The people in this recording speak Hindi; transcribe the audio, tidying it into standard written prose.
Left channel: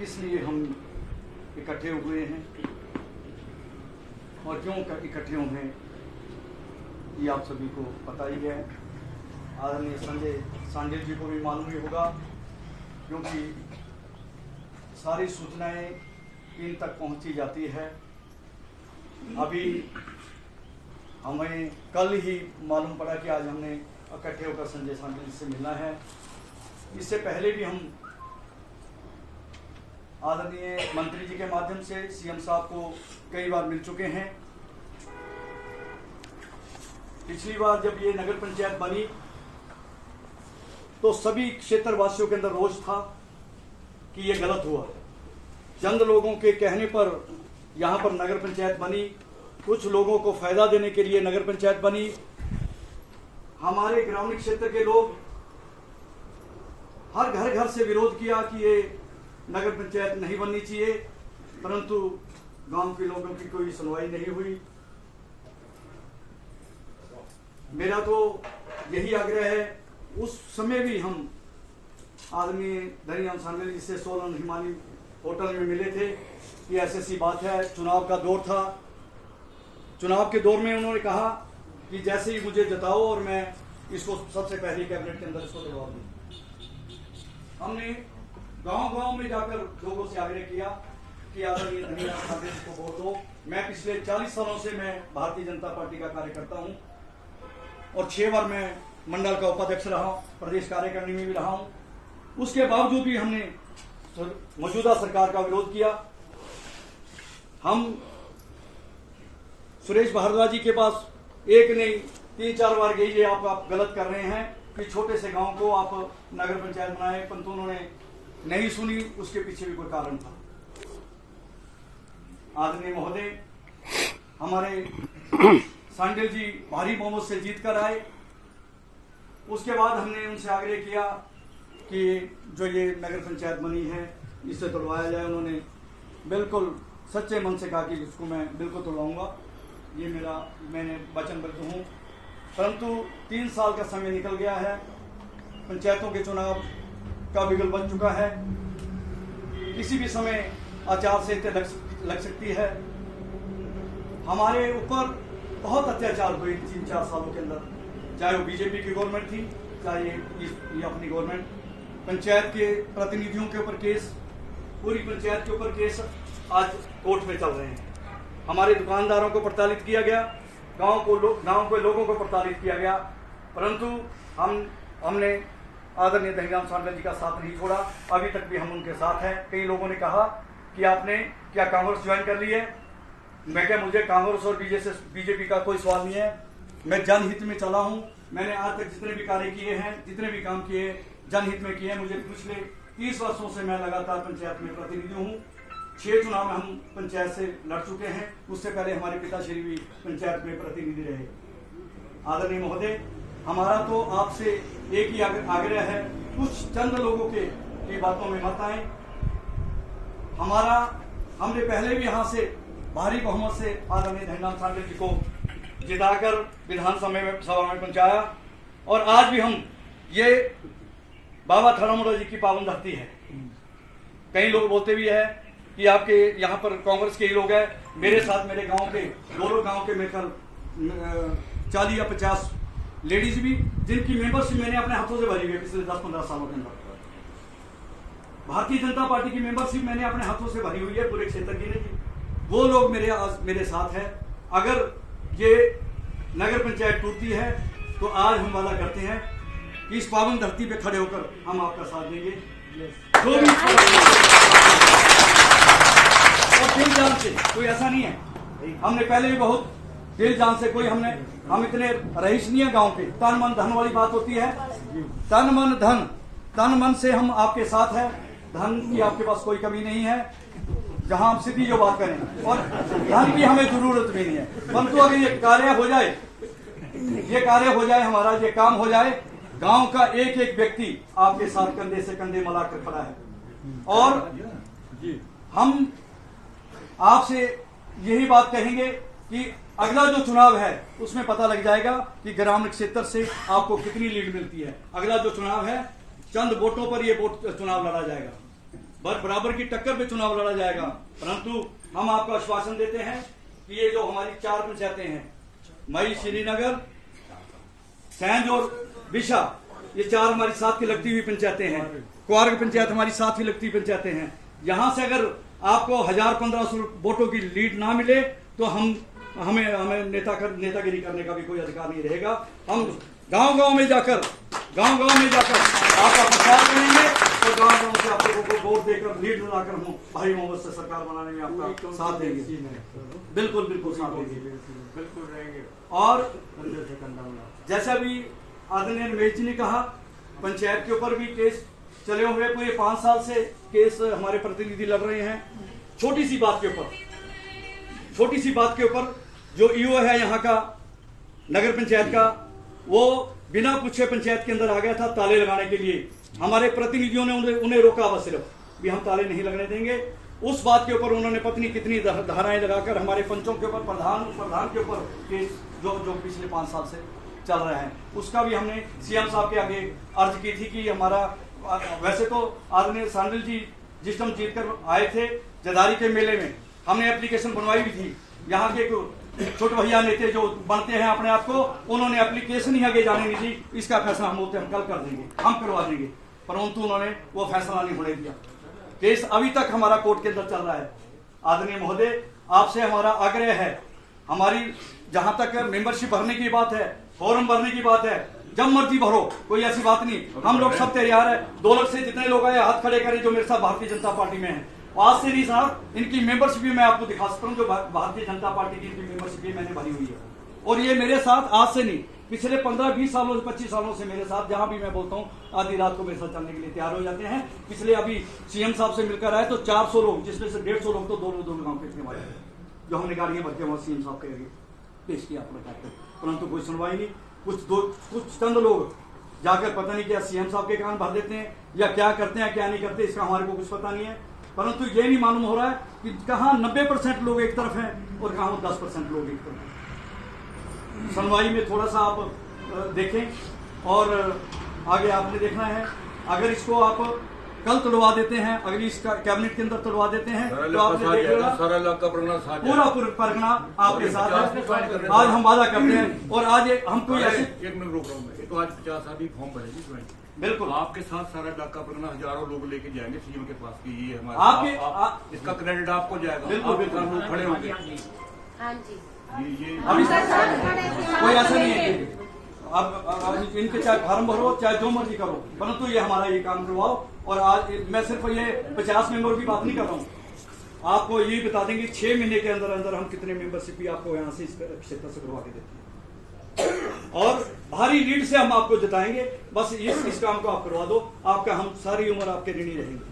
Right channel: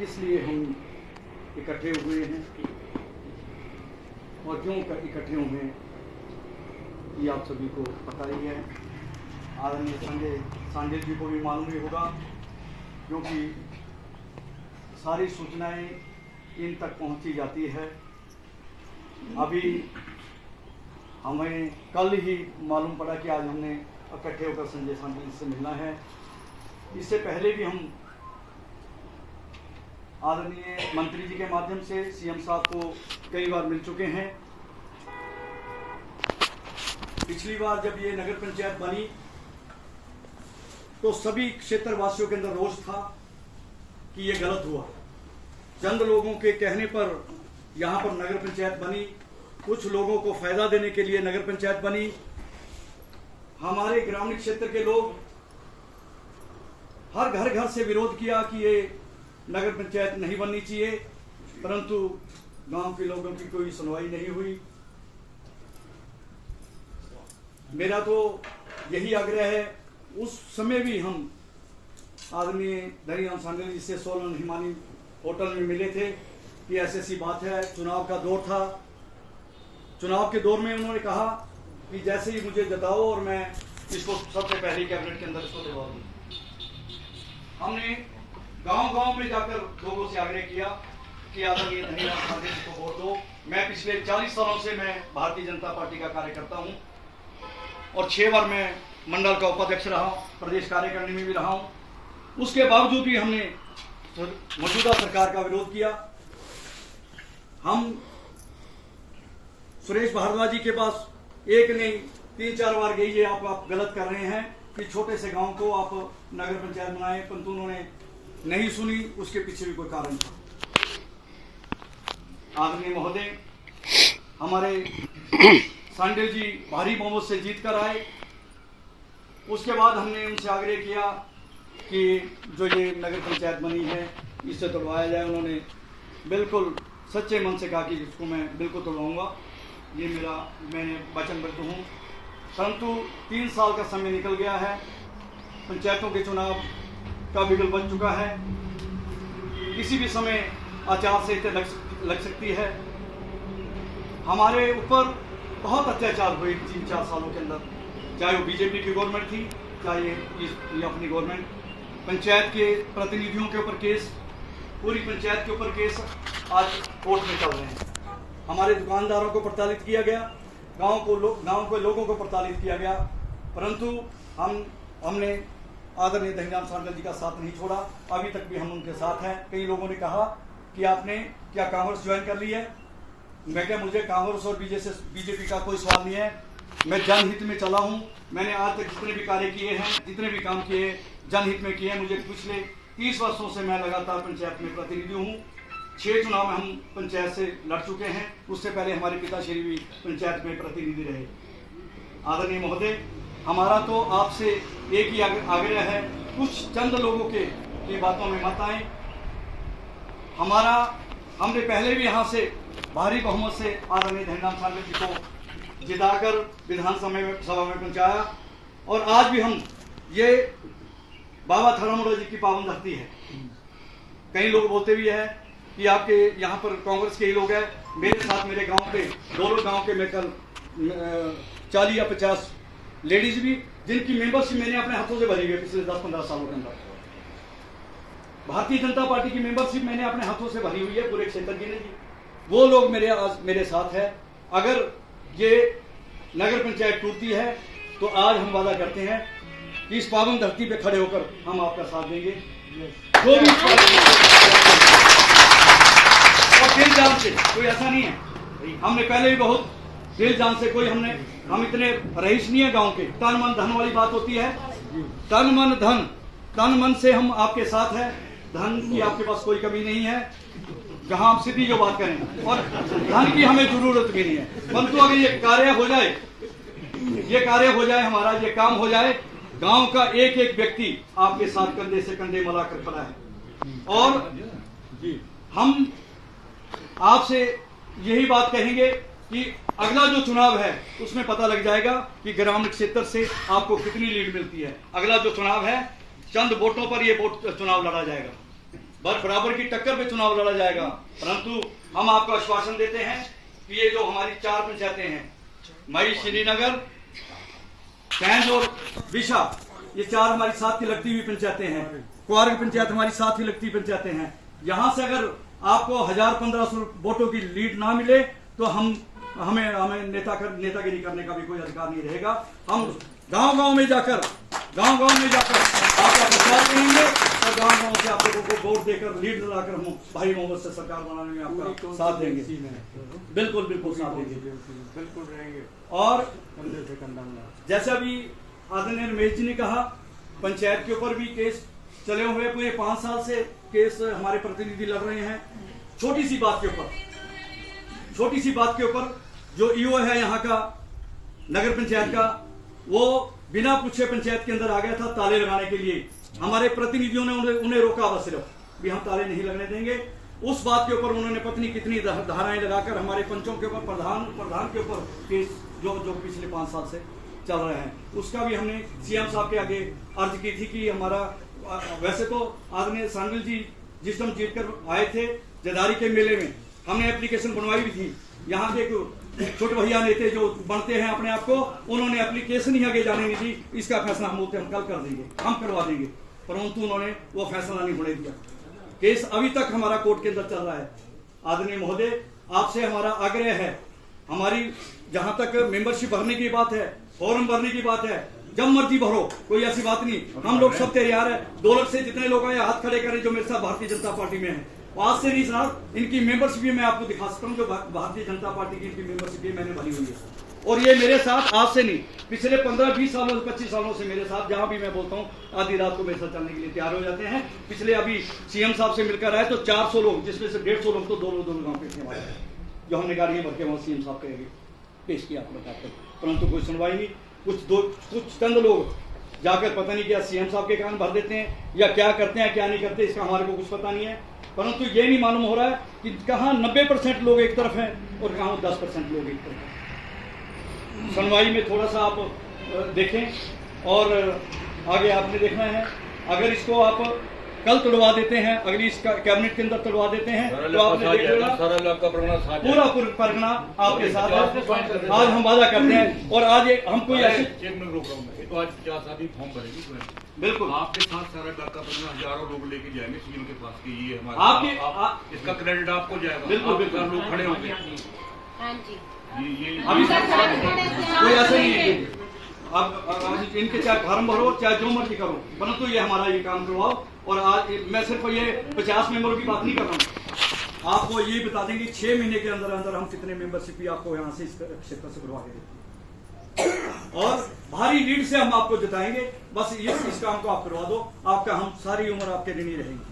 किस लिए हम इकट्ठे हुए हैं और क्यों इकट्ठे हुए हैं, ये आप सभी को पता ही है। आदरणीय संजय सांडेल जी को भी मालूम ही होगा, क्योंकि सारी सूचनाएं इन तक पहुंची जाती है। अभी हमें कल ही मालूम पड़ा कि आज हमने इकट्ठे होकर संजय सांडेल से मिलना है। इससे पहले भी हम आदरणीय मंत्री जी के माध्यम से सीएम साहब को कई बार मिल चुके हैं। पिछली बार जब ये नगर पंचायत बनी तो सभी क्षेत्रवासियों के अंदर रोष था कि ये गलत हुआ। चंद लोगों के कहने पर यहाँ पर नगर पंचायत बनी, कुछ लोगों को फायदा देने के लिए नगर पंचायत बनी। हमारे ग्रामीण क्षेत्र के लोग हर घर घर से विरोध किया कि ये नगर पंचायत नहीं बननी चाहिए, परंतु गांव के लोगों की कोई सुनवाई नहीं हुई। मेरा तो यही आग्रह है, उस समय भी हम आदरणीय धनीराम सांडेल जी से सोलन हिमानी होटल में मिले थे कि ऐसी बात है, चुनाव का दौर था। चुनाव के दौर में उन्होंने कहा कि जैसे ही मुझे जताओ और मैं इसको सबसे पहले कैबिनेट के अंदर इसको दबा दूं। हमने गांव-गांव में जाकर लोगों से आग्रह किया कि आदरणीय धनीराम सांडेल जी को वोट दो। मैं पिछले 40 सालों से मैं भारतीय जनता पार्टी का कार्यकर्ता हूं और 6 बार मैं मंडल का उपाध्यक्ष रहा हूं, प्रदेश कार्यकारिणी में भी रहा हूं। उसके बावजूद भी हमने मौजूदा सरकार का विरोध किया। हम सुरेश भारद्वाज जी के पास एक नहीं 3-4 बार गई, ये आप गलत कर रहे हैं कि छोटे से गांव को आप नगर पंचायत बनाए, परंतु उन्होंने नहीं सुनी। उसके पीछे भी कोई कारण था। आदरणीय महोदय, हमारे सांडेल जी भारी बहुमत से जीत कर आए। उसके बाद हमने उनसे आग्रह किया कि जो ये नगर पंचायत बनी है इसे तोड़वाया जाए। उन्होंने बिल्कुल सच्चे मन से कहा कि इसको मैं बिल्कुल तोड़वाऊंगा, ये मैंने वचनबद्ध हूँ। परंतु 3 साल का समय निकल गया है, पंचायतों के चुनाव का बिगुल बन चुका है। किसी भी समय आचार संहिता लग सकती है। हमारे ऊपर बहुत अत्याचार हुए 3-4 सालों के अंदर, चाहे वो बीजेपी की गवर्नमेंट थी, चाहे ये अपनी गवर्नमेंट। पंचायत के प्रतिनिधियों के ऊपर केस, पूरी पंचायत के ऊपर केस आज कोर्ट में चल रहे हैं। हमारे दुकानदारों को प्रताड़ित किया गया, गांव के लोगों को प्रताड़ित किया गया, परंतु हमने आदरणीय धनीराम सांडेल जी का साथ नहीं छोड़ा। अभी तक भी हम उनके साथ हैं। कई लोगों ने कहा कि आपने क्या कांग्रेस ज्वाइन कर ली है। मैं क्या, मुझे कांग्रेस और बीजेपी का कोई सवाल नहीं है। मैं जनहित में चला हूं। मैंने आज तक जितने भी कार्य किए हैं, जितने भी काम किए जनहित में किए हैं। मुझे पिछले 30 वर्षों से मैं लगातार पंचायत में प्रतिनिधि हूँ। 6 चुनाव में हम पंचायत से लड़ चुके हैं। उससे पहले हमारे पिताश्री भी पंचायत में प्रतिनिधि रहे। आदरणीय महोदय, हमारा तो आपसे एक ही आग्रह है, कुछ चंद लोगों की बातों में मत आए। हमने पहले भी यहाँ से भारी बहुमत से आदरणीय धनीराम सांडेल जी को जिताकर विधानसभा में पहुंचाया और आज भी हम ये बाबा थरामुड़ा जी की पावन धरती है। कई लोग बोलते भी है कि आपके यहाँ पर कांग्रेस के ही लोग हैं। मेरे साथ मेरे गांव के दोनों गांव के मिलकर 40 या 50 लेडीज भी, जिनकी मेंबरशिप मैंने अपने हाथों से भरी हुई है पिछले 10-15 सालों के अंदर। भारतीय जनता पार्टी की मेंबरशिप मैंने अपने हाथों से भरी हुई है, पूरे क्षेत्र की नहीं। वो लोग मेरे साथ है। अगर ये नगर पंचायत टूटती है तो आज हम वादा करते हैं कि इस पावन धरती पे खड़े होकर हम आपका साथ देंगे। जो भी और दिल जान से, कोई ऐसा नहीं है, हमने पहले भी बहुत दिल जान से, हम इतने रईस नहीं है गांव के। तन मन धन वाली बात होती है, तन मन धन। तन मन से हम आपके साथ हैं, धन की आपके पास कोई कमी नहीं है। जहां आप सीधी जो बात करें, और धन की हमें जरूरत भी नहीं है। परंतु अगर ये कार्य हो जाए, हमारा ये काम हो जाए, गांव का एक एक व्यक्ति आपके साथ कंधे से कंधे मिलाकर खड़ा है। और हम आपसे यही बात कहेंगे कि अगला जो चुनाव है उसमें पता लग जाएगा कि ग्रामीण क्षेत्र से आपको कितनी लीड मिलती है। अगला जो चुनाव है, चंद वोटों पर ये चुनाव लड़ा जाएगा। बराबर की टक्कर पे चुनाव लड़ा जाएगा। परंतु हम आपको आश्वासन देते हैं कि ये जो हमारी 4 पंचायतें हैं, मई, श्रीनगर, कैंज और दिशा, ये 4 हमारी साथ की लगती हुई पंचायतें हैं। क्वार्ग पंचायत हमारी साथ ही लगती हुई पंचायतें हैं। यहां से अगर आपको 1000-1500 वोटों की लीड ना मिले तो हमें नेतागिरी करने का भी कोई अधिकार नहीं रहेगा। हम गांव-गांव में जाकर आपका प्रचार करेंगे और गांव-गांव से आप लोगों को वोट देकर लीड दिलाकर हम भारी मोहब्बत से सरकार बनाने में आपका साथ देंगे। बिल्कुल साथ देंगे, बिल्कुल रहेंगे। और जैसा अभी आदरणीय रमेश जी ने कहा, पंचायत के ऊपर भी केस चले हुए, पूरे 5 साल से केस हमारे प्रतिनिधि लड़ रहे हैं। छोटी सी बात के ऊपर जो ईओ है यहाँ का नगर पंचायत का, वो बिना पूछे पंचायत के अंदर आ गया था ताले लगाने के लिए। हमारे प्रतिनिधियों ने उन्हें रोका, बस सिर्फ भी हम ताले नहीं लगने देंगे। उस बात के ऊपर उन्होंने पत्नी कितनी धाराएं लगाकर हमारे पंचों के ऊपर, प्रधान के ऊपर केस जो पिछले 5 साल से चल रहे हैं, उसका भी हमने सीएम साहब के आगे अर्ज की थी कि हमारा, वैसे तो आदरणीय सांडिल जी जिस टाइम जीत कर आए थे जदारी के मेले में, हमने एप्लीकेशन बनवाई भी थी। यहाँ के छोटे भैया नेता जो बनते हैं अपने आप को, उन्होंने एप्लीकेशन ही आगे जाने नहीं दी। इसका फैसला हम कल कर देंगे, हम करवा देंगे, परंतु उन्होंने वो फैसला नहीं होने दिया। केस अभी तक हमारा कोर्ट के अंदर चल रहा है। आदरणीय महोदय, आपसे हमारा आग्रह है, हमारी जहां तक मेंबरशिप भरने की बात है, फॉर्म भरने की बात है, जब मर्जी भरो, कोई ऐसी बात नहीं। हम लोग सब तैयार है। 2 लाख से जितने लोग आए हाथ खड़े करें जो मेरे साथ भारतीय जनता पार्टी में है। आज से नहीं साहब, इनकी मेंबरशिप भी मैं आपको दिखा सकता हूँ, जो भारतीय जनता पार्टी की इनकी मेंबरशिप भी मैंने भरी हुई है। और ये मेरे साथ आज से नहीं, पिछले 15-20 सालों से, 25 सालों से मेरे साथ, जहां भी मैं बोलता हूँ आधी रात को मेरे साथ चलने के लिए तैयार हो जाते हैं। पिछले अभी सीएम साहब से मिलकर आए तो 400 लोग, जिसमें से 150 लोग तो दोनों गाँव पे आए, जो हमने गाड़ियां भर के वहां सीएम साहब के आगे पेश किया, परंतु कोई सुनवाई नहीं। कुछ चंद लोग जाकर पता नहीं क्या सीएम साहब के कान भर देते हैं या क्या करते हैं क्या नहीं करते, इसका हमारे को कुछ पता नहीं है। परंतु ये नहीं मालूम हो रहा है कि कहाँ 90% लोग एक तरफ हैं और कहाँ 10% लोग एक तरफ हैं। सुनवाई में थोड़ा सा आप देखें और आगे आपने देखना है। अगर इसको आप कल तुड़वा देते हैं, अगली इस कैबिनेट के अंदर तुड़वा देते हैं, तो आपने देख लिया पूरा परगना आपके साथ है। आज हम वादा करते हैं और आज हम कोई ऐसे एक मिनट रोक रहा हूँ मैं, तो आज 50 आदमी फॉर्म भरेगी, बिल्कुल आपके साथ सारा इलाका परगना हजारों लोग लेके जाएंगे सीएम के पास की, ये हमारा आपके इसका क्रेडिट आपको जाएगा। बिल्कुल लोग खड़े होंगे, हाँ जी, कोई ऐसा नहीं है। अब इनके चाहे फार्म भरो चाहे जो मर्जी करो, परंतु ये हमारा ये काम करवाओ। और आज मैं सिर्फ ये 50 मेंबरों की बात नहीं कर रहा हूँ, आपको ये बता देंगे 6 महीने के अंदर अंदर हम कितने मेंबरशिप भी आपको यहाँ से इस क्षेत्र से करवा के देते हैं और भारी लीड से हम आपको जिताएंगे। बस इस काम को आप करवा दो, आपका हम सारी उम्र आपके ऋणी रहेंगे।